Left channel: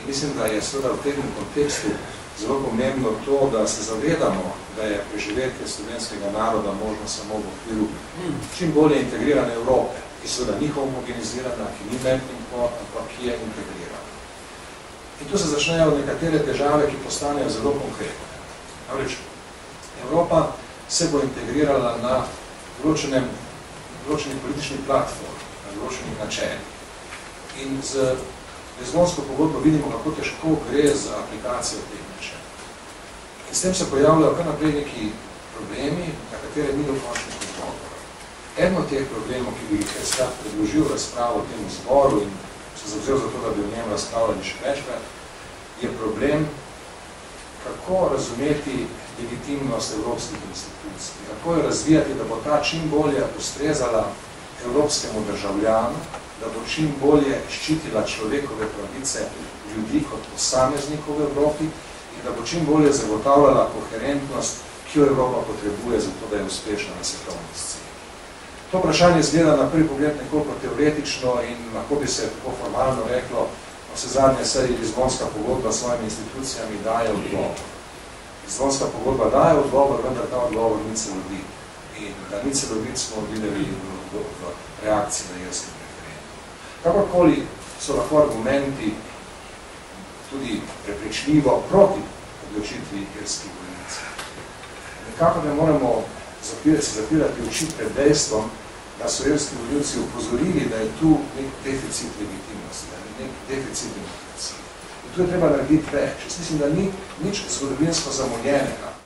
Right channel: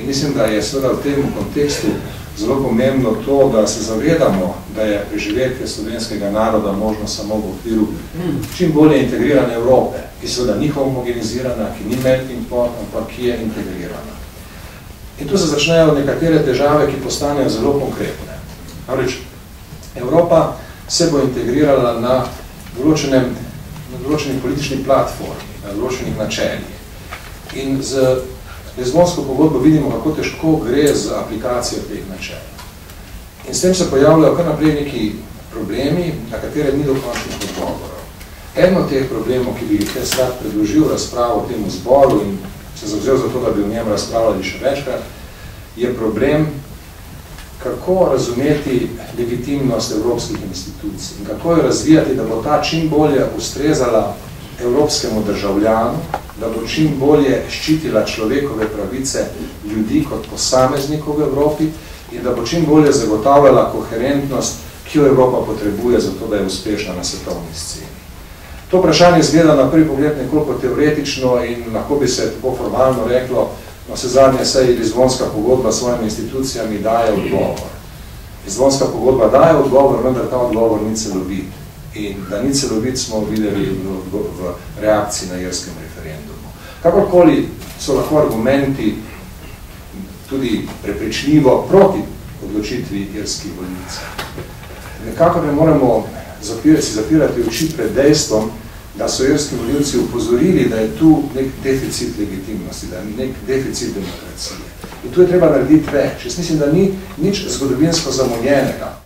In mislim, da je seveda v tem kontekstu zelo pomembno to, da se zavedamo, da je preživetje slovenskega naroda možno samo v okviru čim bolje integrirane Evrope, ki seveda ni homogenizirana, ki ni melting pot, ampak ki je integrirana. In tu se začnejo nekatere težave, ki postanejo zelo konkretne. Namreč, Evropa se bo integrirala na določeni politični platformi, na določenih načeljih. In z Lizbonsko pogodbo vidimo, kako težko gre z aplikacijo teh načel. In s tem se pojavljajo kar naprej neki problemi, na katere ni dokončnih odgovorov. Eno od teh problemov, ki bi jih jaz rad predložil razpravo v tem zboru in se zavzel za to, da bi v njem razpravljali še večkrat, je problem, kako razumeti legitimnost evropskih institucij in kako jo razvijati, da bo ta čim bolje ustrezala evropskemu državljanu, da bo čim bolje ščitila človekove pravice ljudi kot posameznikov v Evropi in da bo čim bolje zagotavljala koherentnost, ki jo Evropa potrebuje za to, da je uspešna na svetovni sceni. To vprašanje izgleda na prvi pogled nekoliko teoretično in lahko bi se tako formalno reklo, na vse zadnje saj Lizbonska pogodba s svojimi institucijami daje odgovor. Lizbonska pogodba daje odgovor, vendar ta odgovor ni celovit. In da ni celovit smo videli v reakciji na irskem referendumu. Kakorkoli so lahko argumenti tudi prepričljivo proti odločitvi irskih volivcev. Nekako ne moremo zapirati oči pred dejstvom, da so irski volivci upozorili, da je tu nek deficit legitimnosti, da je nek deficit demokracije. In tu je treba narediti več. Jaz mislim, da ni nič zgodovinsko zamonjenega.